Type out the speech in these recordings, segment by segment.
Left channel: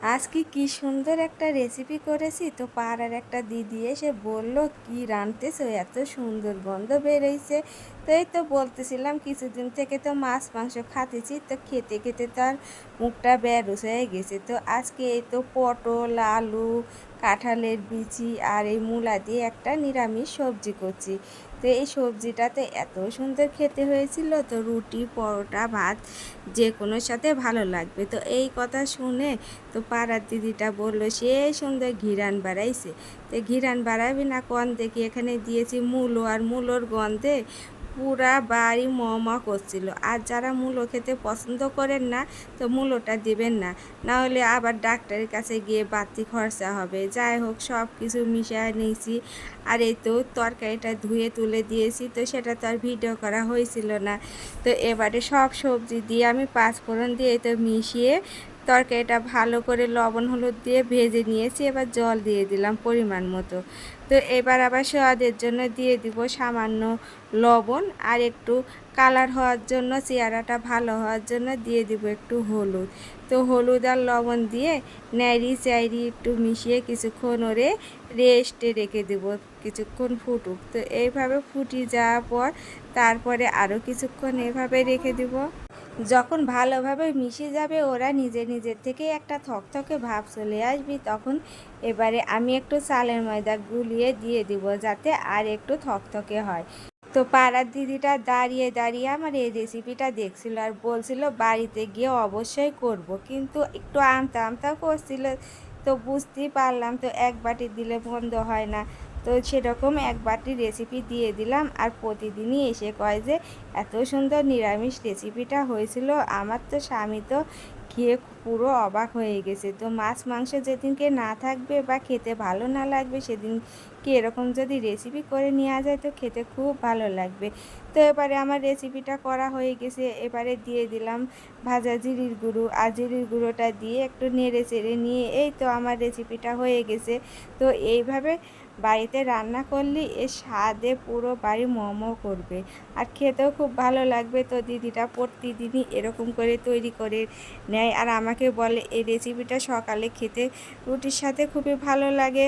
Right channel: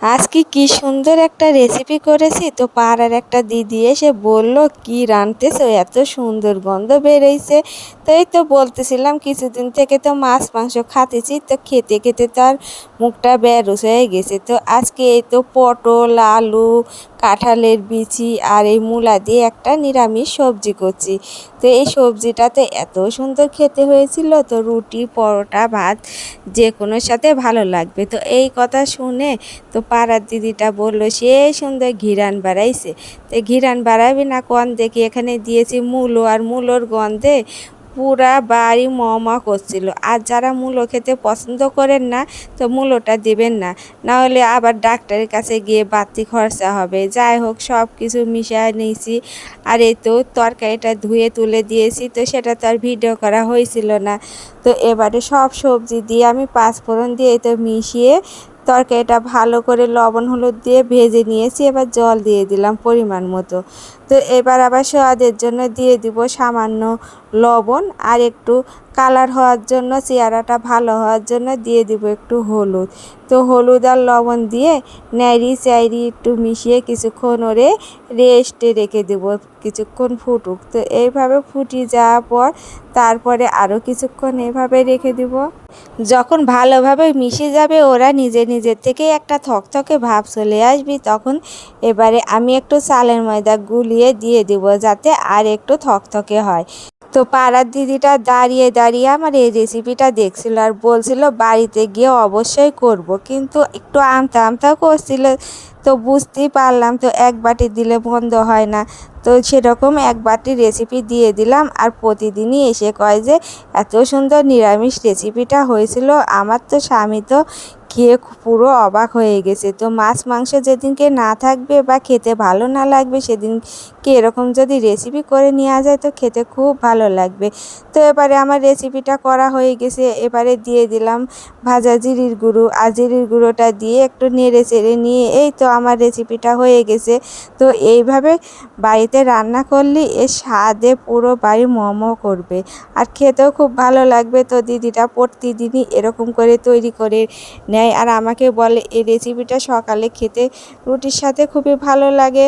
আজকে কি সুন্দর একটা রেসিপি করেছি, তো পাড়ার একটা দিদি এসে বলল, কি রাঁধতেছো, এত সুন্দর গন্ধ বেরোইছে। তো এই তো বলতেছিলাম, কিছুদিন থেকে তো মাছ মাংস খাতেছি, তো খেতে খেতে তো আর মুখটা বেরোস হয়ে গেছে। তো আজকে এই তো পটল, আলু, কাঁঠালের বিচি আর এই মূলা দিয়ে একটা নিরামিষ সবজি করছি। তো এই সবজিটাতে এত সুন্দর খেতে হয়েছিল, তো রুটি, পরোটা, ভাত যে কোনোর সাথে ভালো লাগবে। তো এই কথা শুনে তো পাড়ার দিদিটা বলল, সে সুন্দর ঘিরান বাড়াইছে। তো ঘিরান বাড়াবি না কোন দেখি, এখানে দিয়েছি মূলো, আর মূলোর গন্ধে পুরা বাড়ি মমা করছিল। আর যারা মূলো খেতে পছন্দ করেন না, তো মূলোটা দিবেন না, না হলে আবার ডাক্তারের কাছে গিয়ে বাড়তি খরচা হবে। যাই হোক, সব কিছু মিশিয়ে নিয়েছি। আর এই তো তরকারিটা ধুয়ে তুলে দিয়েছি, তো সেটা তো আর ভিডিও করা হয়েছিল না। তো এবারে সব সবজি দিয়ে আমি পাঁচফোড়ন দিয়ে তো মিশিয়ে তরকারিটা ভালো করে লবণ হলুদ দিয়ে ভেজে নিয়েছি। এবার জল দিয়ে দিলাম পরিমাণ মতো। তো এবার আবার স্বাদের জন্য দিয়ে দিব সামান্য লবণ, আর একটু কালার হওয়ার জন্য, চেহারাটা ভালো হওয়ার জন্য দিয়ে দিব একটু হলুদ। তো হলুদ আর লবণ দিয়ে নেড়ি চাইরি একটু মিশিয়ে কিছুক্ষণ ওরে রেস্টে রেখে দেব, কিছুক্ষণ ফুটুক। তো এইভাবে ফুটিয়ে যাওয়ার পর তারপরে আরও কিছুক্ষণ এভাবে রেখে দেব। যখন ভালোভাবে মিশে যাবে, ওরা নিজে নিজের থেকে একটা থকথকে ভাব চলে আসবে, তখন এবারে আমি একটু চালের ময়দা গুলিয়ে দিয়ে দেব, যাতে আর একটু থকথকে হয়। তো পাড়ার দিদিটা দাঁড়িয়ে দাঁড়িয়ে আমার এই রেসিপিটা দেখছিল আর বলছিল বাড়িতে গিয়ে অবশ্যই করব, কিন্তু একটু আমতা আমতাও করছিল। তো বুঝতেই পারলাম, তো এক বাটি দিলে বন্ধ হয় না। তো সেরকম এক বাটি রেসিপি দিয়ে দিলাম, আর প্রতিদিনই এসে কয় যে এত সুন্দর নিরামিষ রেসিপিটা হয়েছিল। আমার তো স্বামী তো খেয়ে পুরো অবাক হয়ে গেছে। তো মাছ মাংস যেদিনকে না থাকবে বা খেতে ভালো না লাগবে, সেদিনকে এরকম যদি রেসিপি করে নেওয়া যায়, তো খেতে খুব ভালো লাগবে। তো এবারে আমার রেসিপিটা করা হয়ে গেছে, এবারে দিয়ে দিলাম ভাজা জিরির গুঁড়ো, আর জিরির গুঁড়োটা দিয়ে একটু নেড়ে চেড়ে নিয়ে এই তো আমার রেসিপিটা হয়ে গেছে। তো এইভাবে বাড়িতে রান্না করলে এর স্বাদে পুরো বাড়ি মোমো করবে, আর খেতেও খুব ভালো লাগবে। তো দিদিটা প্রতিদিনই এরকম করে তৈরি করে নেয়, আর আমাকে বলে এই রেসিপিটা সকালে খেতে রুটির সাথে খুবই ভালো লাগে,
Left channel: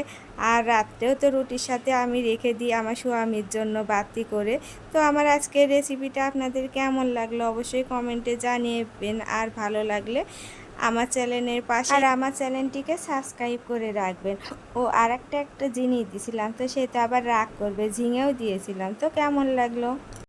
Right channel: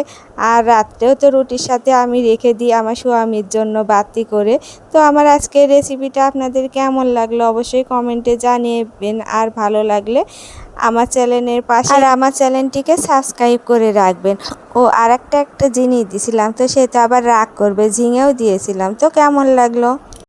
আর রাত্রেও তো রুটির সাথে আমি রেখে দিই আমার স্বামীর জন্য বাড়তি করে। তো আমার আজকের রেসিপিটা আপনাদের কেমন লাগলো অবশ্যই কমেন্টে জানিয়েবেন, আর ভালো লাগলে আমার চ্যানেলের পাশে আর আমার চ্যানেলটিকে সাবস্ক্রাইব করে রাখবেন। ও আর একটা জিনিস দিছিলাম, তো সে তো আবার রাগ করবে, ঝিঙেও দিয়েছিলাম। তো কেমন লাগলো?